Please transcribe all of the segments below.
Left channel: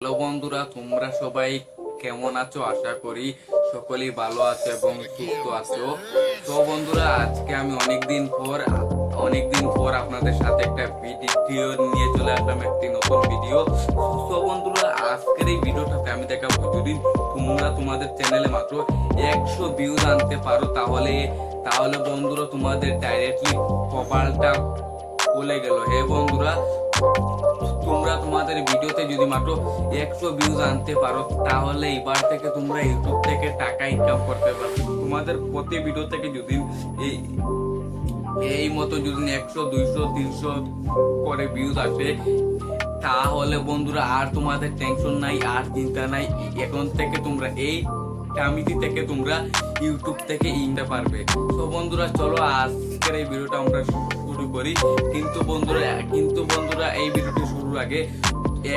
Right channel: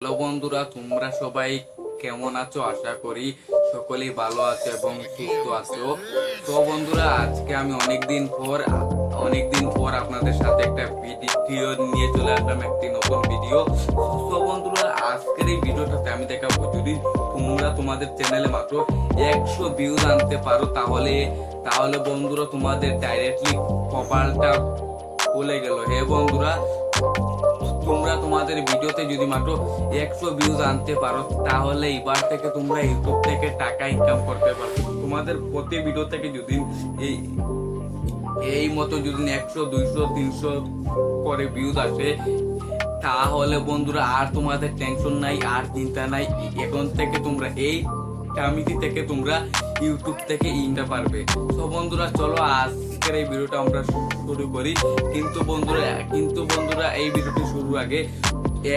Hello বন্ধুরা, তোমরা সবাই কেমন আছো? আশা করি সকলেই ভালো আছো এবং সুস্থ আছো। তো বন্ধুরা, আজকে আমি অনেকদিন পর অনেকদিন পর আপনাদের সাথে একটা ভিডিও নিয়ে চলে আসলাম, একটি নতুন ভিডিও। তো বন্ধুরা, আজকের এই ভিডিওটাতে আমি দেখাবো, যদি তোমরা তোমাদের চ্যানেলে মাত্র একশো ভিউজ আনতে পারো, তাহলে তাহলে বন্ধুরা তোমাদের ডাইরেক্টলি কপালটা খুলে গেল। হে বন্ধুরা? তোমরা তোমাদের ভিডিওতে যদি মাত্র একশো ভিউজ আনতে পারো, তাহলে এবার থেকে তোমরা ইউটিউব থেকে টাকা ইনকাম করতে পারবে। তোমাদের প্রতি ভিডিও থেকে যদি এই এই মতো যদি একশো, দুইশো, তিনশো করে ভিউজ আসে, তাহলে বন্ধুরা আর তোমাদের টেনশন নাই, আর চিন্তা নাই, এখন থেকে তোমরা এই কমিটি থেকে তোমরা ইউটিউব থেকে ইনতে পারবে। তো বন্ধুরা, চলো আজকের এই ভিডিওটা আমরা শুরু করি। কিন্তু বন্ধুরা কিন্তু বন্ধুরা, এই ভিডিওটি শুরুর আগে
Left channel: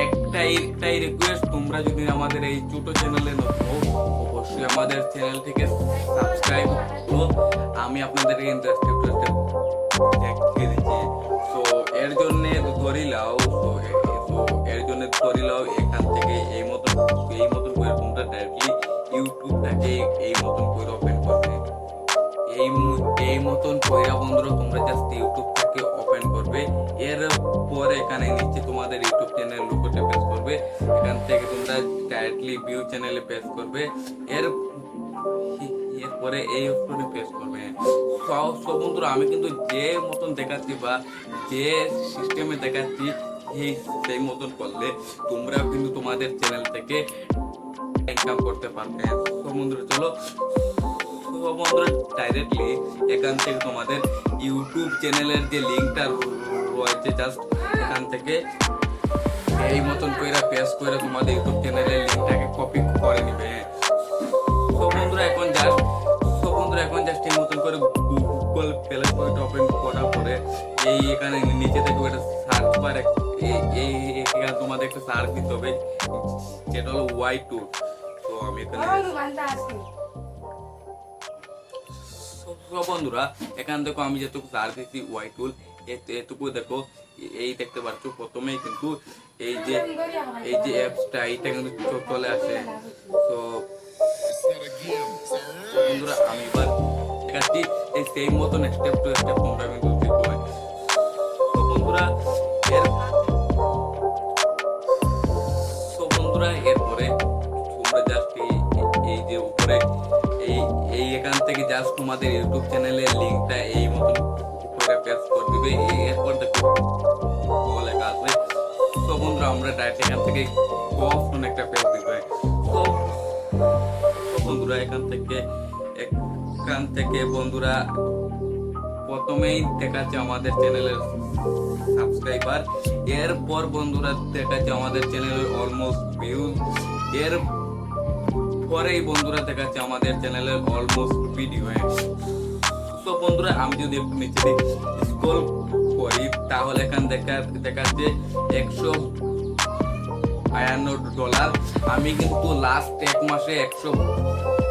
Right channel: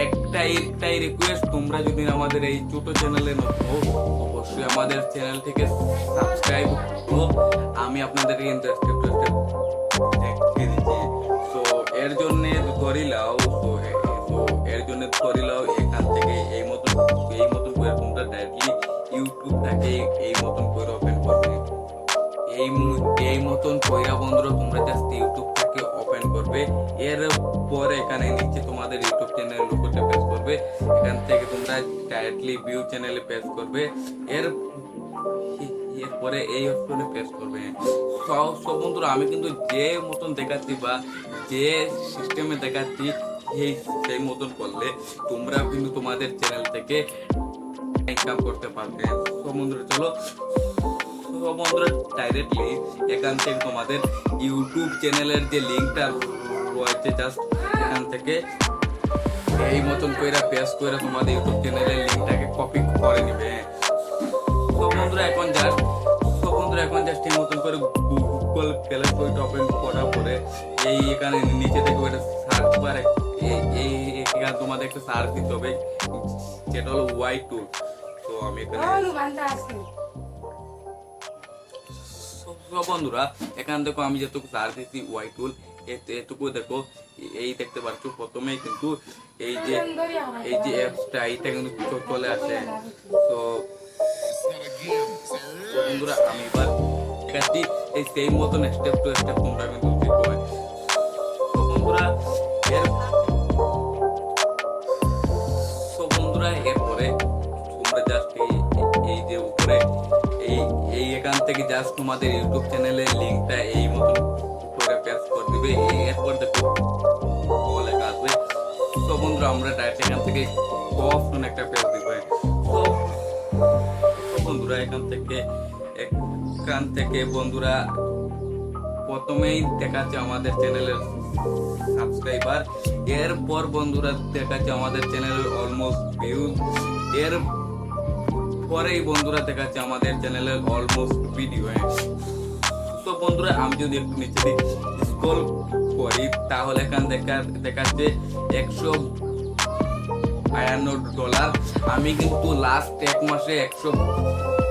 একটাই একটাই রিকোয়েস্ট তোমরা যদি আমাদের এই ছোট চ্যানেলে নতুন অবশ্যই আমাদের চ্যানেলটিকে সাবস্ক্রাইব করো। আমি আপনাদেরকে by দেখিয়ে দিচ্ছি। তো এর জন্য ধরি লাও, তো তো এর জন্য ধরি লাও, এখান থেকে এই মতন এই মতন করে তোমরা ডাইরেক্টলি ইউটিউবটাকে এই মতন করে ওপেন করবে। এই এই মতন কইরা বন্ধুরা, তোমরা জাস্ট ইউটিউবটাকে ওপেন করবে। এর পরে এখানে নিচে তোমাদের ইউটিউব চ্যানেল লোগোতে পেজ করবে। এখান থেকে তোমরা ডাইরেক্টলি ভিউ চ্যানেলে পেজ করবে। এর এরপরে এই অপশনে পেজ করবে। সব সব বন্ধুরা, আমি কিন্তু যে মতন দেখাচ্ছি বা যে সিস্টেমে দেখাচ্ছি এই সেই মতন করলে তোমরা কিন্তু তোমাদের চ্যানেল থেকে ইনকাম করতে পারবে। তো বন্ধুরা, চলো। বন্ধুরা ডাইরেক্টলি এখান থেকে তোমাদের ইউটিউব চ্যানেলের যে লিঙ্কটা রয়েছে জাস্ট এখান থেকে এই মতন কইরা পেস্ট কইরা তোমাদের ইউটিউব চ্যানেলের লিঙ্কটাকে কপি করে নিবে তো বন্ধুরা এখন জাস্ট তো বন্ধুরা এখন জাস্ট এই মতন করে গুগল প্লে স্টোরটা ওপেন করার পরে এই এখানে নিচে থেকে ওটা সার্চ বার এই এখানে তোমাদের একটা সার্চ দিতে হবে, যেটা হলো ওয়াই টুল তো আমি এখানে সো বন্ধুরা, এখান দেখো আমি যেটুকু সার্চ দিচ্ছি ওয়াই টুল এটুকু দেখো, এই দেখতে পাচ্ছ প্রথমেই কিন্তু এই যে এই যে অ্যাপসটা এইটা কিন্তু চলে আসে। তো বন্ধুরা, আমি এবার দেখাচ্ছি এই সেই মতন স্টেপ টু স্টেপ তোমরা কিন্তু তো বন্ধুরা, এর তো বন্ধুরা, এরপরে তোমরা জাস্ট এই এই যে উপরে, এই এই এখান থেকে জাস্ট তোমাদের ইউটিউব চ্যানেলের লিঙ্কটা এই মতন করে পেস্ট করে দিবে। এই- এরপর দেখো ও লেখা আসবে তো বন্ধুরা, আমরা ডাইরেক্ট এখান থেকে অপশন একটা পেজ দিবে। তো তো বন্ধুরা, এখান থেকে এখান থেকে বন্ধুরা, প্রথমেই দেখাচ্ছে আমাদের চ্যানেলের সাবস্ক্রাইবার এরপর বন্ধুরা দেখাচ্ছে আমাদের চ্যানেলের অলমোস্ট ভিউজ এর পরেই বন্ধুরা দেখাচ্ছে আমাদের চ্যানেলের অলমোস্ট ভিডিও তো বন্ধুরা, আমি যদি একটু নিচে স্ক্রল করি, তাহলে এখান দেখা দেখাচ্ছে একশো বায়ান্ন ডলার আমি কিন্তু লাস্ট এক মাসে একশো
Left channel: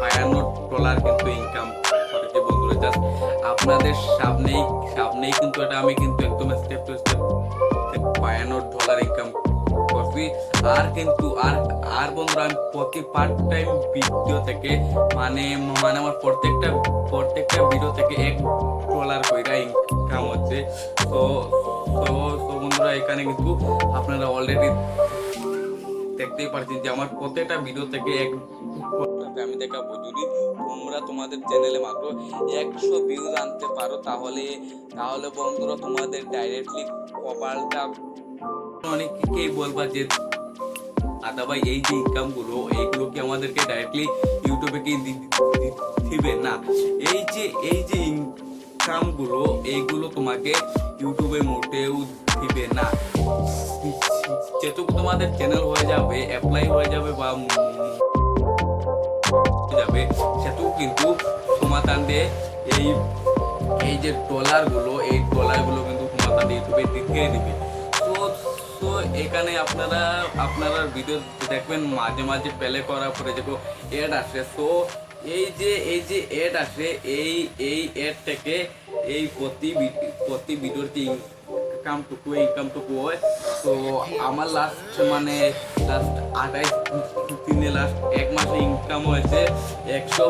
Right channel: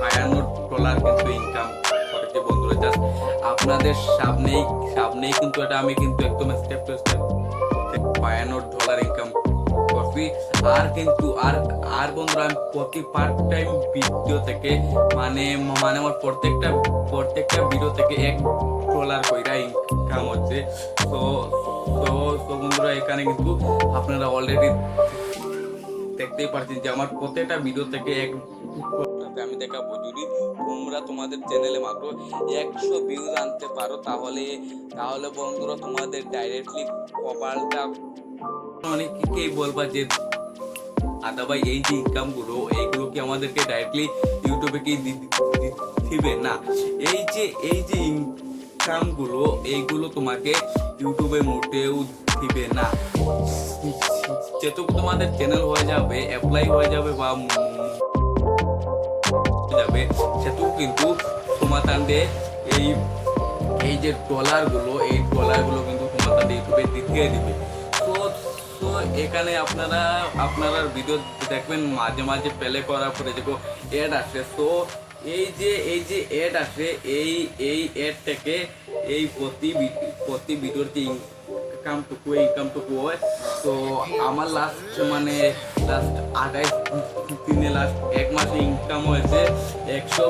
বায়ান্ন ডলার কিন্তু ইনকাম করেছি বন্ধুরা। জাস্ট আপনাদের সামনেই সামনেই কিন্তু এটা আমি কিন্তু একদম স্টেপ টু স্টেপ বায়ান্ন ডলার ইনকাম করছি আর কিন্তু, আর আর বন্ধুরা, আমি প্রতি পার্ট টাইম ভিডিও থেকে মানে মানে আমার প্রত্যেকটা প্রত্যেকটা ভিডিও থেকে এক ডলার কইরা ইনকাম হচ্ছে। তো তো তো বন্ধুরা, এখানে কিন্তু আপনারা অলরেডি দেখতেই পারছেন যে আমার প্রত্যেকটা ভিডিও থেকে এক আমি দেখাবো। যদি তোমরা তোমাদের চ্যানেলে মাত্র একশো ভিউজ আনতে পারো, তাহলে তাহলে বন্ধুরা তোমাদের ডাইরেক্টলি কপালটা অনেকেই বলবা যে, আদা ভাই, এই যে ইনকামগুলো এইগুলো কি আমাদেরকে ডাইরেক্টলি ইউটিউবে কি দিবে? না। এই যে এই যে ইনকামগুলো এইগুলো তোমাকে ইউটিউবে মোটেও দিবে না। যেটুকু তোমাদের চ্যানেল হয়ে যাবে অ্যাপ্লাই হয়ে যাবে বা যাবে, সেটুকু কিন্তু তোমাতান্ডে এই এই যে ডলারগুলো এই ডলারগুলো কিন্তু তোমাতান্ডে ইউটিউবে দিতে দিবে। তো তো এখানে আপনারা আপনারা ভিডিও দেখবেন মাঝে মাঝে প্লে করার পরে দেখো অ্যাড আসে। তো এই যে এই যে অ্যাড আসে, এই এই অ্যাড থেকে এই প্রতি প্রতি ভিডিওর যে ইনকামটুকু ইনকামটুকু হয়। তো আমার লাস্ট মানে লাস্ট আঠাইশ দিনে লাস্ট এক মাসে ইনকাম হয়েছে একশো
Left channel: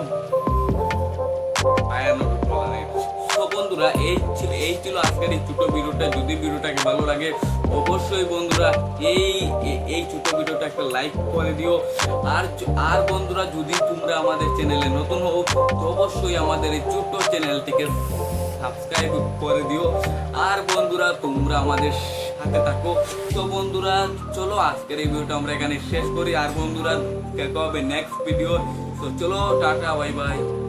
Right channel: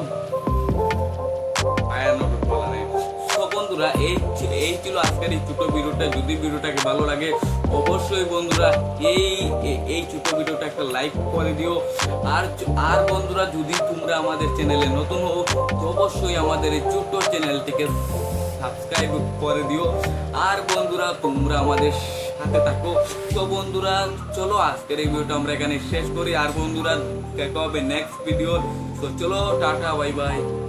ডলার তো বন্ধুরা, এই ছিল- এই ছিল আজকের এই ছোট ভিডিওটা। যদি ভিডিওটাকে ভালো লাগে, অবশ্যই বন্ধুরা, এই এই ছোট ভিডিওটা একটা লাইক করে দিও। আর আর বন্ধুরা, যদি তোমরা আমাদের চ্যানেলে নতুন হও, তো অবশ্যই আমাদের এই ছোট্ট চ্যানেলটিকে সাবস্ক্রাইব করে দিও। আর বন্ধুরা, তোমরা আমাদের সাথে থাকো। তো বন্ধুরা, চলো আজকের এই ভিডিওটা আমরা এখানে শেষ করি। আর বন্ধুরা, দেখা হবে নেক্সট ভিডিও তো চলো, টাটা বাই বাই